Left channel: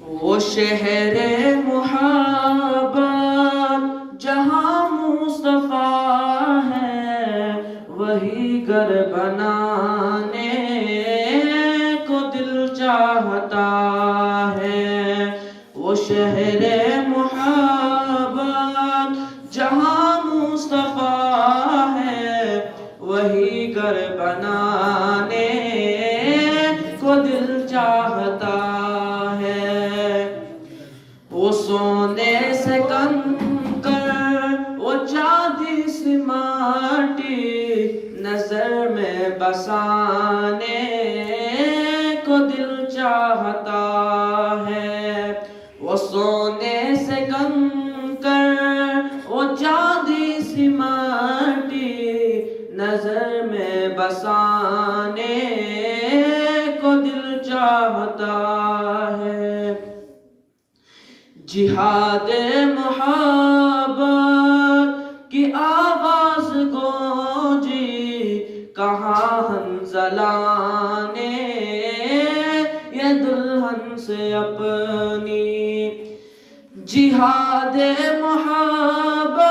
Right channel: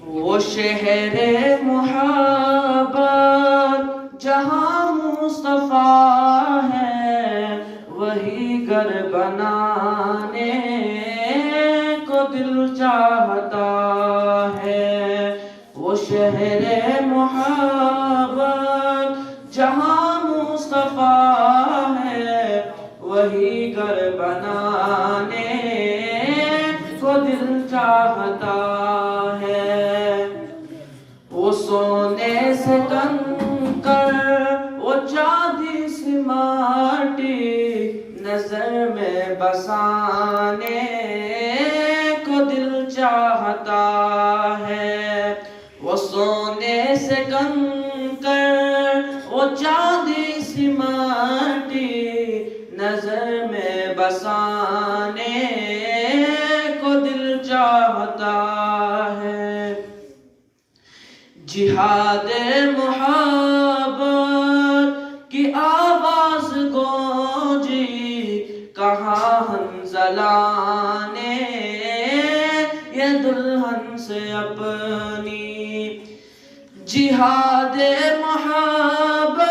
وہ شہر محبت جہاں مصطفیٰ ہے، وہی گھر بنانے کو دل چاہتا ہے۔ وہ شہر محبت جہاں مصطفیٰ ہے، وہی گھر بنانے کو دل چاہتا ہے۔ وہ سونے سے کنکر، وہ چاندی سی ماٹی، نظر میں بسانے کو دل چاہتا ہے۔ وہ سونے سے کنکر، وہ چاندی سی ماٹی، نظر میں بسانے کو دل چاہتا ہے۔ جہاد محبت کی آواز گونجی، کہاں حنظلہ نے یہ دلہن سے اپنی۔ جہاد محبت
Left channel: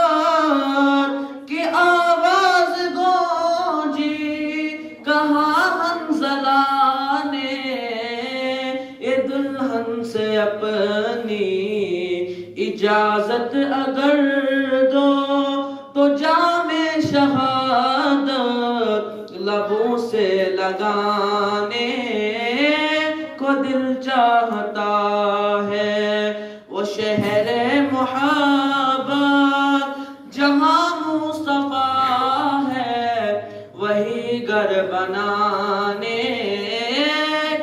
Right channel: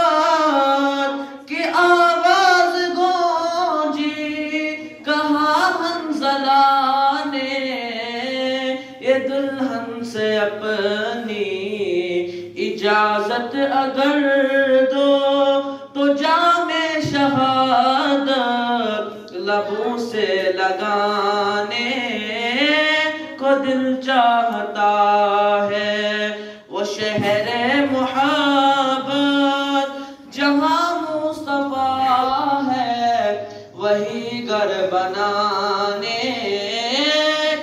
کی آواز گونجی، کہاں حنظلہ نے یہ دلہن سے اپنی۔ اجازت اگر دو تو جام شہادت لبوں سے لگانے کو دل چاہتا ہے۔ وہ شہر محبت جہاں مصطفیٰ ہے، وہی گھر بنانے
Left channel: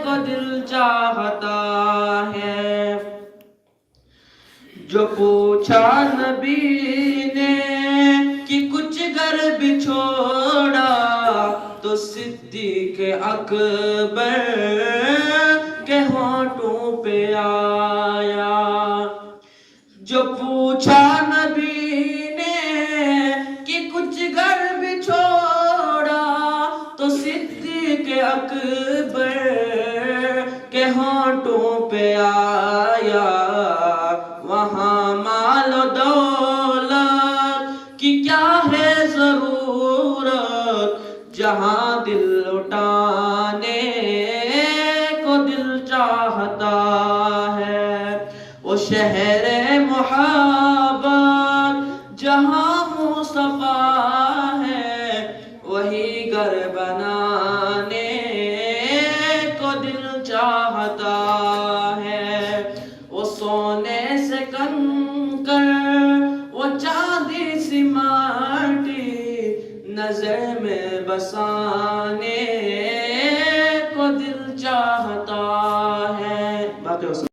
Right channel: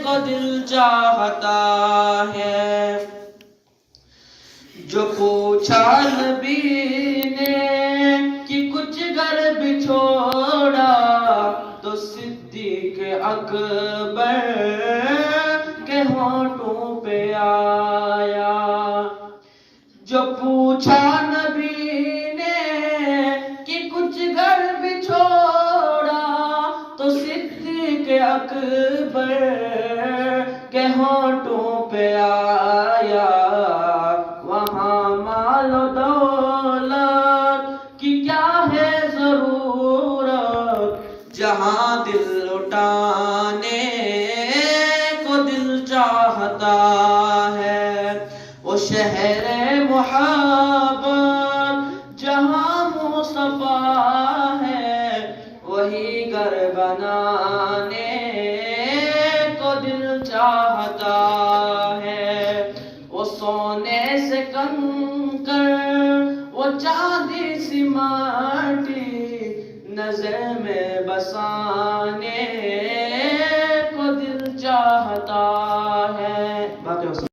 کو دل چاہتا ہے۔ جو پوچھا نبی نے کہ کچھ گھر بچھوڑا، تو صدیق اکبر کے ہونٹوں پہ آیا۔ جو پوچھا نبی نے کہ کچھ گھر بچھوڑا، تو صدیق اکبر کے ہونٹوں پہ آیا۔ وہاں مال و دولت کی کیا ہے ضرورت، جہاں دل لٹانے کو دل چاہتا ہے۔ وہ شہر محبت جہاں مصطفیٰ ہے، وہی گھر بنانے کو دل چاہتا ہے۔ وہ سونے سے کنکر، وہ چاندی سی ماٹی، نظر میں بسانے